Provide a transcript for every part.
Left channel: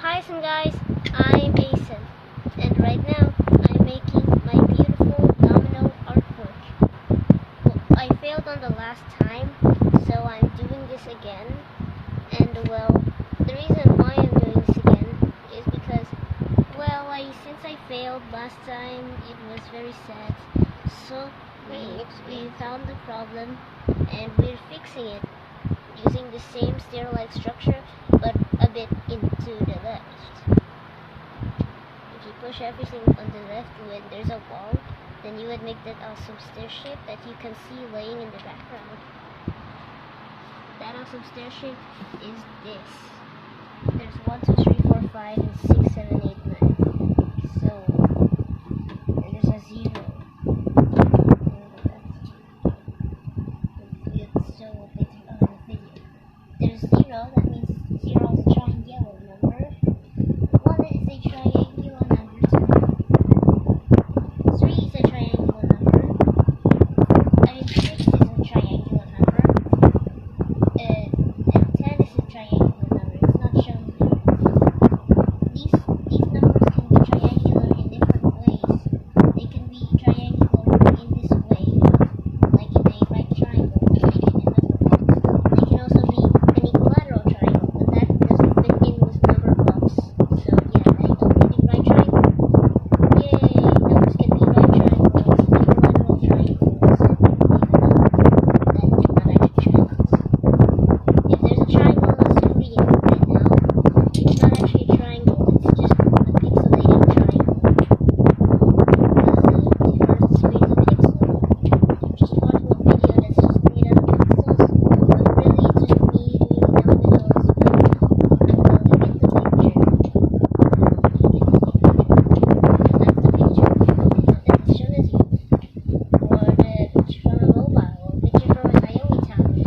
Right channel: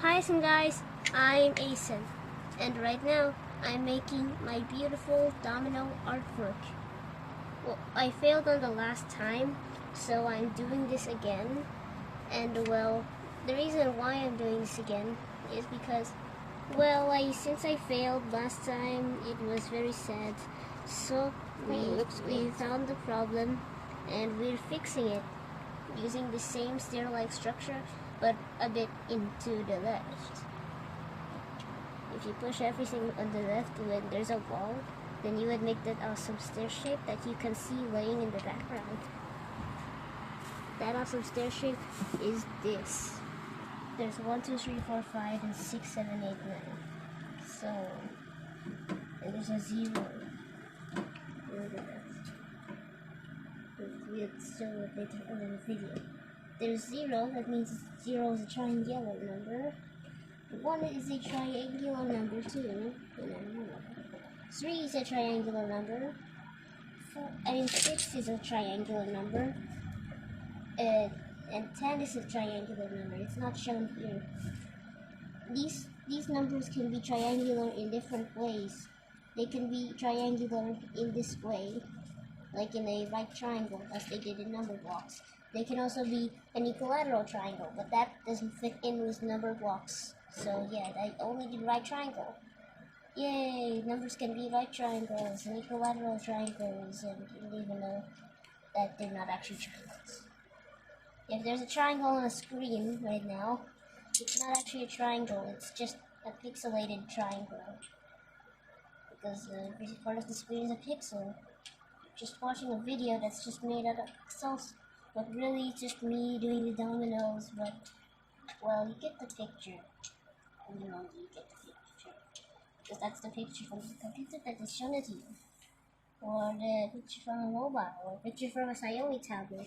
Hi guys, I'm Asen, and right now I'm making my beautiful domino artwork. Well, I failed on the last time, so I'm doing this again. And well, the reason why I'm doing this again is because, well, since I failed last time, it was very sad. So we found the problem and we're fixing it using the same stair-like structure, but a bit into the left. If you push everything on the left when there's a wall, then you would make that awesome stair shape that you can see laying in the background. That awesome stair shape is this. There's 1, 2, 3, 4, 5, and 6, 7, 8, 9. So, and there's a 0. We'll show it later on in the video. There's 0, that means 0 is a triangular number. 1 is a triangular number too. 3 is a triangular number. 6 is a triangular number. And 10 is a triangular number. It's not shown here. These numbers can be triangular in different ways. They can be triangular in this way, like in a right triangle, like they did in number blocks. They can also be an equilateral triangle, but that doesn't fit in with number blocks. So yeah, I only did right triangle. Yay! Numbers can be right triangles, equilateral triangles, and even though that they're not actually triangles. If there's a triangle on the screen right now, it's not actually a triangle, it's just a pixelated triangle. Because part of the screen is a pixel. You're just watching a video that's just made out of pixels, but really it's just me doing the dominoes, but well, you get the picture. You get the picture. That's the picture that is shown as you. Or the picture from a mobile, or a picture from a C.O.A. tablet.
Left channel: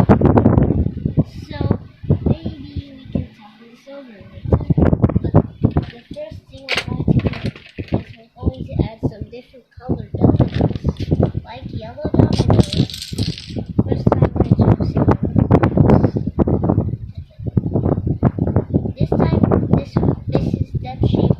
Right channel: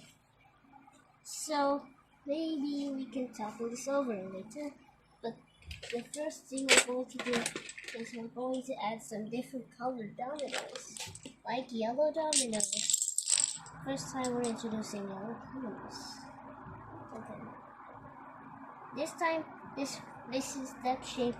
So, maybe we can tackle this over later. But the first thing we're going to do is we're going to add some different colored dominoes, like yellow dominoes. First time we're introducing yellow dominoes. Okay. This time, this is step shape